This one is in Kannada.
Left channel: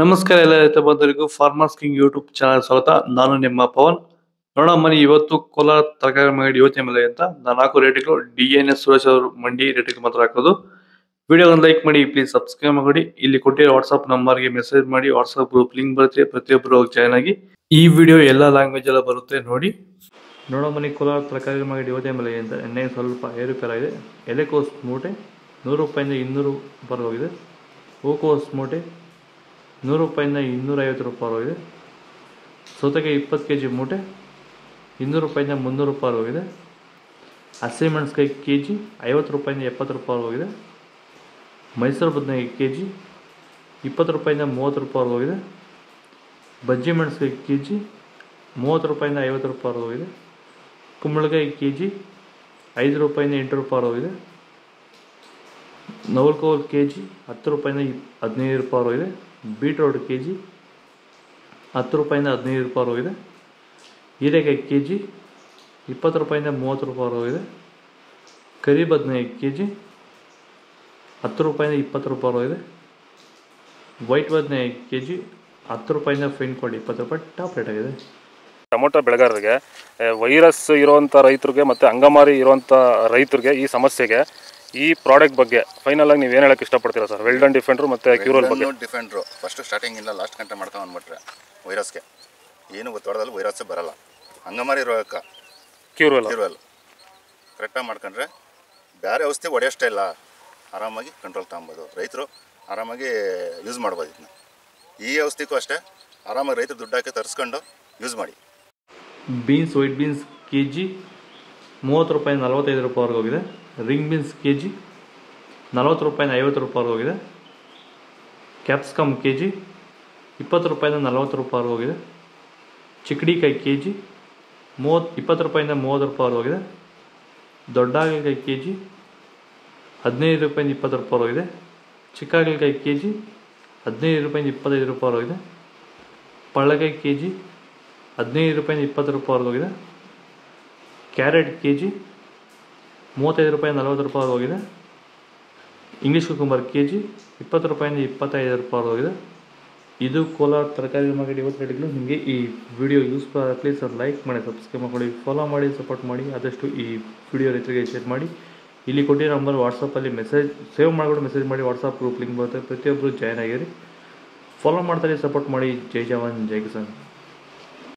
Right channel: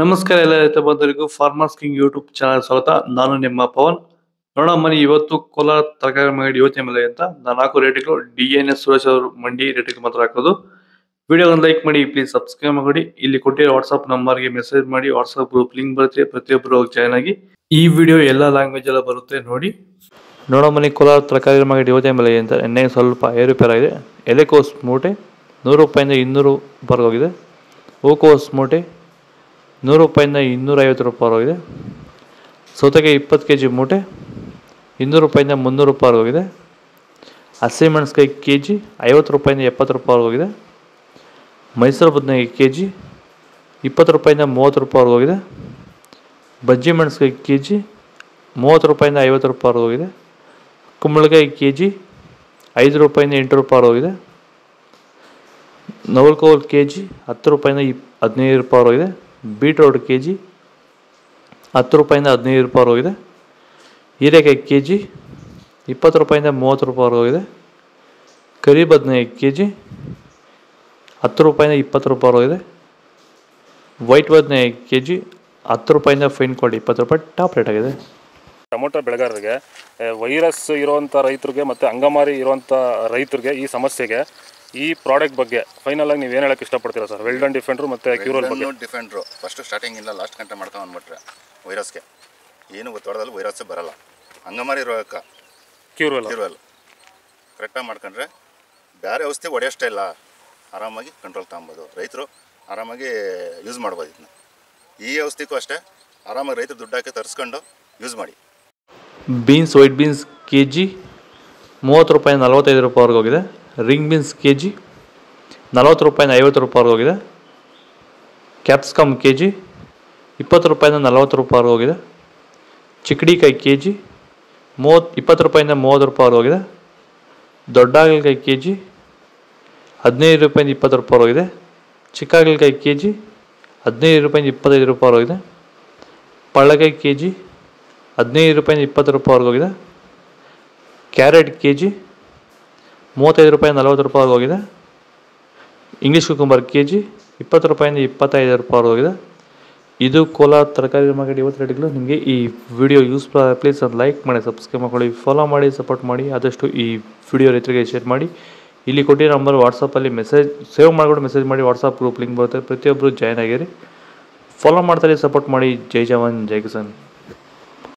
ನಮಸ್ಕಾರ ಎಲ್ಲ ರೈತ ಬಂಧುಗಳಿಗೂ ಫಾರ್ಮರ್ಸ್ ಕಿಂಗ್ ಯೂಟ್ಯೂಬ್ ಚಾನಲ್ ಸ್ವಾಗತ. ನಾನು ನಿಮ್ಮ ಪವನ್. ನೋಡೋಣ ಮನಿ ಇವತ್ತು ಕೋಲಾರ ತರಕಾರಿ ಮಂಡಿ ಯೋಚನೆ ಮೇಲೆ ಅಂತ ನಾನು ಹಾಕೋ ರೇಟ್ಗಳು DNS ಸುರೇಶ್ ಅವರು ಮಂಡಿ ರೇಟ್ಗೆ ಮಾತ್ರ ಹಾಕೋದು. ವಿಡಿಯೋವನ್ನು ಲೈಕ್ ಮಾಡಿ, ಪ್ಲೀಸ್ ಸಬ್ಸ್ಕ್ರೈಬ್ ಮಾಡಿ. ಇಲ್ಲಿ ಕೊಟ್ಟಿರೋ ವಾಟ್ಸ್ಆಪ್ ನಂಬರ್ಗೆ ಮೆಸೇಜ್ ಮಾಡಿ, ವಾಟ್ಸ್ಆಪ್ ಗ್ರೂಪ್ ಲಿಂಕ್ ಬರುತ್ತೆ, ಪ್ರತಿಯೊಬ್ಬರು ಜಾಯ್ನ್ ಆಗಿ. ಈ ವಿಡಿಯೋ ಎಲ್ಲ ಲ್ಯಾಂಗ್ವೇಜ್ ಎಲ್ಲ ಬರುತ್ತೆ ನೋಡಿ. ನೋಡೋ ಮನಿ ಕೋಲಾರ ತರಕಾರಿ ಮಂಡಿ ಯೋಚನೆ ಮೇಲೆ ಅಂತ ಎಣ್ಣೆ ಸ್ವಲ್ಪ ಏರುಪೇರಾಗಿದೆ. ಎಲೆಕೋಸ್ ಮೂಟೆ 100 ರೂಪಾಯಿಂದ 200 ರೂಪಾಯಿ ಹೋಗಿದೆ. ಹೂಕೋಸ್ ಮೂಟೆ 100 ರೂಪಾಯಿಂದ 250 ರೂಪಾಯಿ ಹೋಗಿದೆ. ಸೌತೆಕಾಯಿ 20 kg ಮೂಟೆ 200 ರೂಪಾಯಿಂದ 300 ರೂಪಾಯಿ ಹೋಗಿದೆ. ಹಸಿಮೆಣಸಿನಕಾಯಿ kg 50 ರೂಪಾಯಿಂದ 70 ರೂಪಾಯಿ ಹೋಗಿದೆ. ಮೈಸೂರು ಬದನೆಕಾಯಿ kg 20 ರೂಪಾಯಿಂದ 30 ರೂಪಾಯಿ ಹೋಗಿದೆ. ಬಜ್ಜಿ ಮೆಣಸಿನಕಾಯಿ kg 30 ರೂಪಾಯಿಂದ 50 ರೂಪಾಯಿ ಹೋಗಿದೆ. ಕುಂಬಳಕಾಯಿ kg 5 ರೂಪಾಯಿಂದ 8 ರೂಪಾಯಿ ಹೋಗಿದೆ. ನವಲ್ಕೋಲ್ kg 10 ರೂಪಾಯಿಂದ 15 ರೂಪಾಯಿ ಹೋಗಿದೆ. ಬೀಟ್ರೋಟ್ kg 10 ರೂಪಾಯಿಂದ 15 ರೂಪಾಯಿ ಹೋಗಿದೆ. ಹೀರೆಕಾಯಿ kg 20 ರೂಪಾಯಿಂದ 30 ರೂಪಾಯಿ ಹೋಗಿದೆ. ಕರಿ ಬದನೆಕಾಯಿ kg 10 ರೂಪಾಯಿಂದ 20 ರೂಪಾಯಿ ಹೋಗಿದೆ. ವೈಟ್ ಬದನೆಕಾಯಿ kg 10 ರೂಪಾಯಿಂದ ಫೈನ್ ಕ್ವಾಲಿಟಿ 20 ರೂಪಾಯಿ ಟಾಪ್ ರೇಟ್ ಆಗಿದೆ. ಟೊಮೊಟೊ ಬೆಳೆಗಾರರಿಗೆ ವೈರಸ್ ಇರುವಂಥ ರೈತರಿಗೆ ಮತ್ತು ಅಂಗಮಾರಿ ಇರುವಂಥ ರೈತರಿಗೆ ಈ ಸಮಸ್ಯೆಗೆ ಈ ಪ್ರಾಡಕ್ಟ್ ಬಗ್ಗೆ ಫೈನಲ್ ಆಗಿ ನೀವು ಏನು ಹೇಳಕ್ಕೆ ಇಷ್ಟಪಡ್ತೀರಾ ಸರ್? ವೆಲ್ಡನ್ ಡಿಫೆಂಡ್ರು ಮತ್ತು ಕ್ಯೂರಲ್ ಬಗ್ಗೆ. ಡಿಫೆಂಡ್ರು ಫಸ್ಟ್ ಸ್ಟಾರ್ಟಿಂಗಿಂದ ಲಾಸ್ಟ್ ಗಂಟೆ ಮಾಡ್ಕೊಂಡು ಬಂದ್ಬಿಟ್ರೆ ವೈರಸ್ಗೆ ಏನು ಗೊತ್ತಾಡೋದಲ್ಲಿ ವೈರಸ್ಸೇ ಬರಲ್ಲ. ಅಂಗಮಾರಿ ರೋಗಕ್ಕೆ ಕ್ಯೂರಲ್ ಕರೆಕ್ಟಾಗಿ ಮಾಡ್ಕೊಂಡ್ರೆ ಬೇರೆ ಔಷಧಿ ಹೊಡೆಯೋಷ್ಟೇ ಇಲ್ಲ, ಆರಾಮಾಗಿ ಕಂಟ್ರೋಲ್ ತಗೊಬೋದು. ರೈತರು ಆರಾಮಾಗಿ ಯೂಸ್ ಮಾಡ್ಬೋದು. ಇದನ್ನ ಈ ಔಷಧಿಗೂ ಅಷ್ಟೇ ಆರಾಮಾಗಿ ರೈತರು ದುಡ್ಡು ಹಾಕಿ ತರಿಸ್ಕೊಂಡು ಯೂಸ್ ಮಾಡಿ. ಬೀನ್ಸ್ ವೈಟ್ ಬೀನ್ಸ್ kg 30 ರೂಪಾಯಿಂದ 45 ರೂಪಾಯಿವರೆಗೆ ಹೋಗಿದೆ. ರಿಂಗ್ ಬೀನ್ಸ್ kg 40 ರೂಪಾಯಿಂದ 50 ರೂಪಾಯಿವರೆಗೆ ಹೋಗಿದೆ. ಕ್ಯಾಪ್ಸಿಕಮ್ kg 20 ರೂಪಾಯಿಂದ 40 ರೂಪಾಯಿವರೆಗೆ ಹೋಗಿದೆ. ಚಿಕ್ಕಡಿಕಾಯಿ kg 20 ರೂಪಾಯಿಂದ 30 ರೂಪಾಯಿವರೆಗೆ ಹೋಗಿದೆ. ದೊಡ್ಡ ಹಾಗಲಕಾಯಿ kg 15 ರೂಪಾಯಿಂದ 20 ರೂಪಾಯಿ ಹೋಗಿದೆ. ಚಿಕ್ಕ ಹಾಗಲಕಾಯಿ kg 15 ರೂಪಾಯಿಂದ 25 ರೂಪಾಯಿ ಹೋಗಿದೆ. ಪಳ್ಳಕಾಯಿ kg 15 ರೂಪಾಯಿಂದ 20 ರೂಪಾಯಿ ಹೋಗಿದೆ. ಕ್ಯಾರೆಟ್ kg 35 ರೂಪಾಯಿಂದ 40 ರೂಪಾಯಿ ಹೋಗಿದೆ. ಇಂಗ್ಲೀಷ್ ಕುಕುಂಬರ್ kg 20 ರೂಪಾಯಿಂದ 25 ರೂಪಾಯಿ ಹೋಗಿದೆ. ಇದು ಕೋಲಾರ ತರಕಾರಿ ಮಾರ್ಕೆಟ್ ಇವತ್ತು ರೇಟ್ಗಳು. ನಿಮಗೆ ಈ ವಿಡಿಯೋ ಯೂಸ್ಫುಲ್ ಆದ ಪ್ಲೀಸ್ ಅದು ಲೈಕ್ ಮಾಡಿ, ಸಬ್ಸ್ಕ್ರೈಬ್ ಮಾಡ್ಕೊಳ್ಳಿ, ಫಾಲೋ ಮಾಡಿ, ಸಪೋರ್ಟ್ ಮಾಡಿ. ಆದಷ್ಟು ಈ ವಿಡಿಯೋ ರೈತರಿಗೆ ಶೇರ್ ಮಾಡಿ. ಇಲ್ಲಿ ಕೊಟ್ಟಿರೋ ನಂಬರ್ ವಾಟ್ಸಪ್ಪಲ್ಲಿ ಮೆಸೇಜ್ ಸೇವ್ ಮಾಡಿಕೊಂಡು ಮೆಸೇಜ್ ಮಾಡಿ, ವಾಟ್ಸಪ್ ಗ್ರೂಪ್ ಲಿಂಕ್ ಬರುತ್ತೆ, ಪ್ರತಿಯೊಬ್ಬರು ಜಾಯ್ನ್ ಆಗಿರಿ. ಫಾಲೋ ಮಾಡ್ತಾರೆ, ಸಪೋರ್ಟ್ ಮಾಡಿ. ಜೈ ಜವಾನ್ ಜೈ ಕಿಸಾನ್.